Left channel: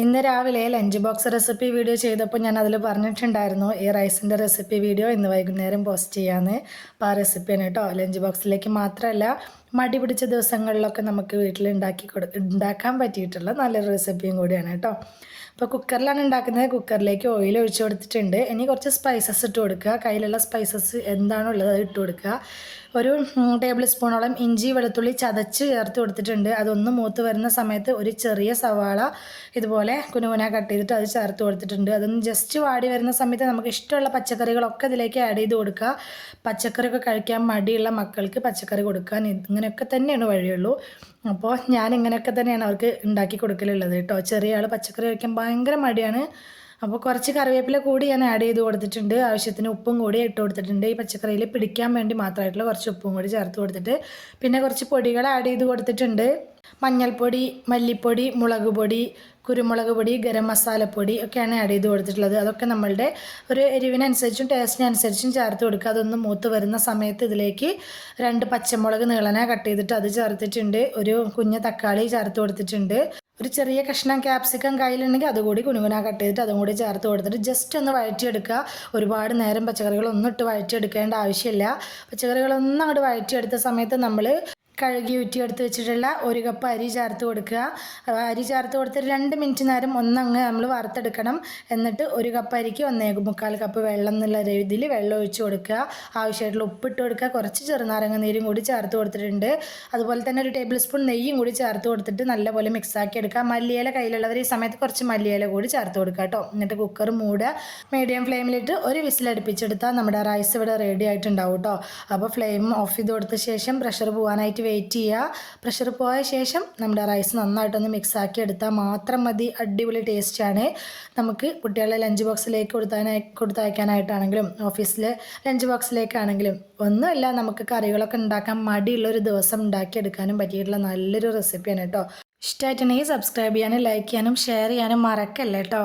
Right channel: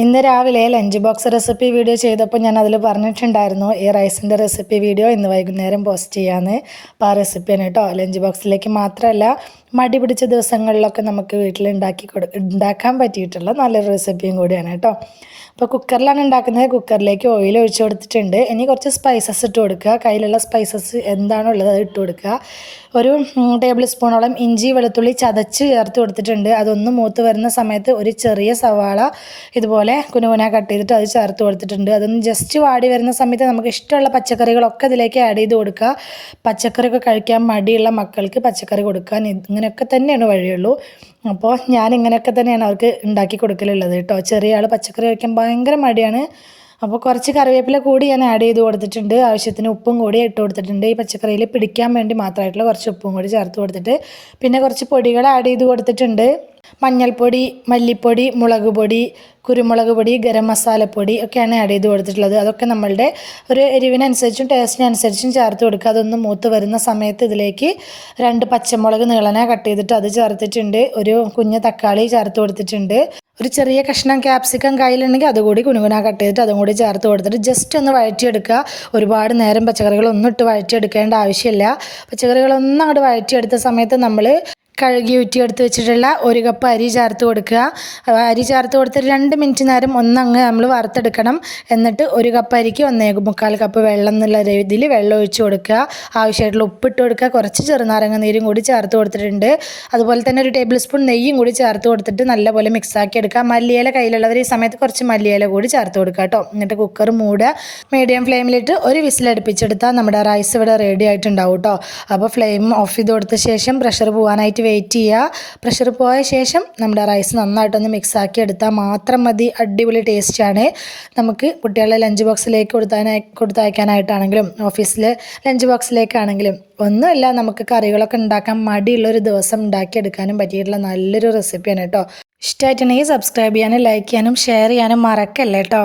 ഇന്ന് രാവിലെ lunch box recipe video ചെയ്തപ്പോൾ ഞാൻ അതിൽ പറഞ്ഞിട്ടുണ്ടായിരുന്നു ഈ റൈസിന്റെ റെസിപ്പി വീഡിയോ ഇന്ന് വൈകുന്നേരം പോസ്റ്റ് ചെയ്യാമെന്ന് അപ്പോൾ ആ റെസിപ്പിയാണ് കേട്ടോ. ലഞ്ച് ബോക്സിലേക്ക് മാത്രമല്ല മടി പിടിച്ച ദിവസങ്ങളിലൊക്കെ നമുക്ക് വീട്ടിൽ ഉണ്ടാക്കി കൊടു ഉണ്ടാക്കാൻ പറ്റിയിട്ടുള്ള നല്ലൊരു റെസിപ്പിയും കൂടിയാണ് കേട്ടോ. അപ്പോൾ കുക്കറിലാണ് ഉണ്ടാക്കുന്നത്. കുക്കറിലേക്ക് ഓയിൽ ഒഴിച്ചു കൊടുത്തിട്ടുണ്ട്. ഇനി കുറച്ച് സ്പൈസസ് ഇട്ട് കൊടുക്കുക. കയ്യിലുള്ള സ്പൈസസ് എന്താണോ ഉള്ളത് അത് ഇട്ട് കൊടുക്കുക. ഒരു ടേബിൾ സ്പൂണോളം ഇഞ്ചി വെളുത്തുള്ളി ചതച്ച് ചേർത്ത് കൊടുത്തിട്ടുണ്ട്. അതൊന്ന് മൂത്ത് വരുന്ന സമയത്ത് ഒരു ചെറിയ സവാള ഇതുപോലെ കുനുകുന കട്ട് ചെയ്തിട്ട് അത് ചേർത്ത് കൊടുത്തിട്ടുണ്ട്. അതൊന്ന് ജസ്റ്റ് വാടി വരുന്ന സമയത്ത് നമുക്ക് ഇഷ്ടമുള്ള പച്ചക്കറികളൊക്കെ ഇതിലേക്ക് ആഡ് ചെയ്ത് കൊടുക്കുക. പച്ചക്കറിയൊക്കെ കഴിക്കാൻ മടിയുള്ള മക്കൾക്ക് പച്ചക്കറി കൊടുക്കാൻ ഇങ്ങനെയൊക്കെ തന്നെയാണ് വഴിയുള്ളൂ. അപ്പോൾ ഞാൻ ഇങ്ങനെയൊക്കെ തന്നെയാണ് അവർക്ക് ഉണ്ടാക്കി കൊടുക്കലുള്ളത് കേട്ടോ. ചെറിയ ആൾ പച്ചക്കറി കഴിക്കാൻ ഭയങ്കര മടിയാണ്. അപ്പോൾ കുറച്ച് കറിവേപ്പില കൂടി ഞാൻ ആഡ് ചെയ്ത് കൊടുത്തിട്ടുണ്ട്. ആവശ്യത്തിന് ഉപ്പും കൂടി ഇട്ട് കൊടുത്തിട്ടുണ്ട്. ഈ പച്ചക്കറിയിൽ പിടിക്കാൻ വേണ്ടി മാത്രമായിട്ടുള്ള കുറച്ച് ഉപ്പും കൂടി ചേർത്ത് കൊടുത്തിട്ട് പിന്നെ കുറച്ച് പൊടികൾ ആഡ് ചെയ്ത് കൊടുത്തിട്ടുണ്ട്. മഞ്ഞൾപ്പൊടി മല്ലിപ്പൊടി മുളക് പൊടി കുരുമുളക് പൊടി ഗരം മസാലപ്പൊടി ഒക്കെയാണ് ആഡ് ചെയ്ത് കൊടുത്തിട്ടുള്ളത്. അതൊക്കെ നമ്മളുടെ ഒരു എരിവിനനുസരിച്ചും ടേസ്റ്റിനനുസരിച്ചും ചേർത്ത് കൊടുക്കുക. അതൊന്ന് മൂത്ത് വരുന്ന സമയത്ത് ഇതിലേക്ക് രണ്ട് പച്ചമുളക് നീളനെ കട്ട് ചെയ്തിട്ട് അത് ചേർത്തിട്ടുണ്ട്. ഒരു കുഞ്ഞ് തക്കാളി ചേർത്ത് കൊടുത്തിട്ടുണ്ട്. ഒരു ചെറിയ കഷ്ണം ക്യാപ്സിക്കം കയ്യിലുണ്ടെങ്കിൽ അതുകൂടി കുനുകുന കട്ട് ചെയ്തിട്ട് അതും കൂടി ചേർത്ത് കൊടുത്തിട്ട് ജസ്റ്റ് ഒന്ന് വഴറ്റിയെടുക്കുക. ഒരുപാട് നേരം പച്ചക്കറികളൊന്നും ഇട്ട് വഴറ്റിയെടുക്കേണ്ട ആവശ്യമില്ല. പച്ചക്കറികളൊന്നും അങ്ങോട്ട് വഴറ്റിയെടുത്ത സമയത്ത് നമ്മൾ കഴുകി ഊറ്റിയെടുത്ത് വെച്ചിട്ടുള്ള ഒരു കപ്പ് അരി ചേർത്ത് കൊടുക്കുക. അരി ചേർത്ത് കൊടുത്തിട്ട് രണ്ട് മിനിറ്റ് നേരം ഒന്നങ്ങ് നമ്മൾ വറുത്തെടുക്കണം. എന്നിട്ട് ഒരു കപ്പ് അരിക്ക് ഒന്നേ മുക്കാൽ കപ്പ് വെള്ളം എന്നുള്ള രീതിയിൽ വെള്ളം ഒഴിച്ച് കൊടുക്കുക. ആവശ്യമായിട്ടുള്ള ഉപ്പിട്ട് കൊടുക്കുക. കുറച്ച് ചെറുനാരങ്ങ നീരും കൂടി ചേർത്ത് കൊടുത്തിട്ടുണ്ട്. അതുപോലെ തന്നെ ഒരു ടേബിൾ സ്പൂൺ നെയ്യും കൂടി ചേർത്ത് കൊടുത്തിട്ട് നല്ലപോലെ മിക്സാക്കി എടുക്കുക. മല്ലിയില കയ്യിലുള്ളവർ ഈ സമയത്ത് കുറച്ച് മല്ലിയില കൂടി ചേർത്ത് കൊടുക്കുക കേട്ടോ. എന്നിട്ട് കുക്കർ മൂടുക. മീഡിയം ഫ്ലെയിമിലിട്ട് ഒരു വിസിലടുപ്പിച്ചെടുത്താൽ നമ്മുടെ റൈസ് ഇവിടെ റെഡി ആയിട്ടുണ്ടാവും കേട്ടോ. അപ്പോൾ ഫ്ലെയിം ഓഫ് ചെയ്ത് കൊടുത്ത ശേഷം പ്രഷർ പോകാനായിട്ട് വെയിറ്റ് ചെയ്യുക പ്രഷർ പോയ ശേഷം നമ്മുടെ റൈസ് നന്നായിട്ടൊന്ന് മിക്സാക്കി എടുത്താൽ മാത്രം മതി. അടിപൊളി ടേസ്റ്റാണ് നമുക്ക് കുട്ടികളെ ലഞ്ച് ബോക്സിലേക്ക് കൊടുത്താനായി കൊടുത്തയക്കാനായിട്ടാണെങ്കിലും ഓഫീസിലെ ലഞ്ച് ബോക്സിലേക്കാണെങ്കിലും ഒന്നുമല്ല നമുക്ക് കറികളൊക്കെ ഉണ്ടാക്കാൻ മടിയുള്ളൊരു ദിവസം ഉണ്ടാക്കിയെടുക്കാനും പറ്റിയിട്ടുള്ള നല്ലൊരു റെസിപ്പിയാണ് കേട്ടോ. ഇഷ്ടമായിട്ടുണ്ടെങ്കിൽ സബ്സ്ക്രൈബ് ചെയ്യാനും ലൈക്ക് ചെയ്യാനും ഷെയർ ചെയ്യാനും മറക്കല്ലേ കേട്ടോ.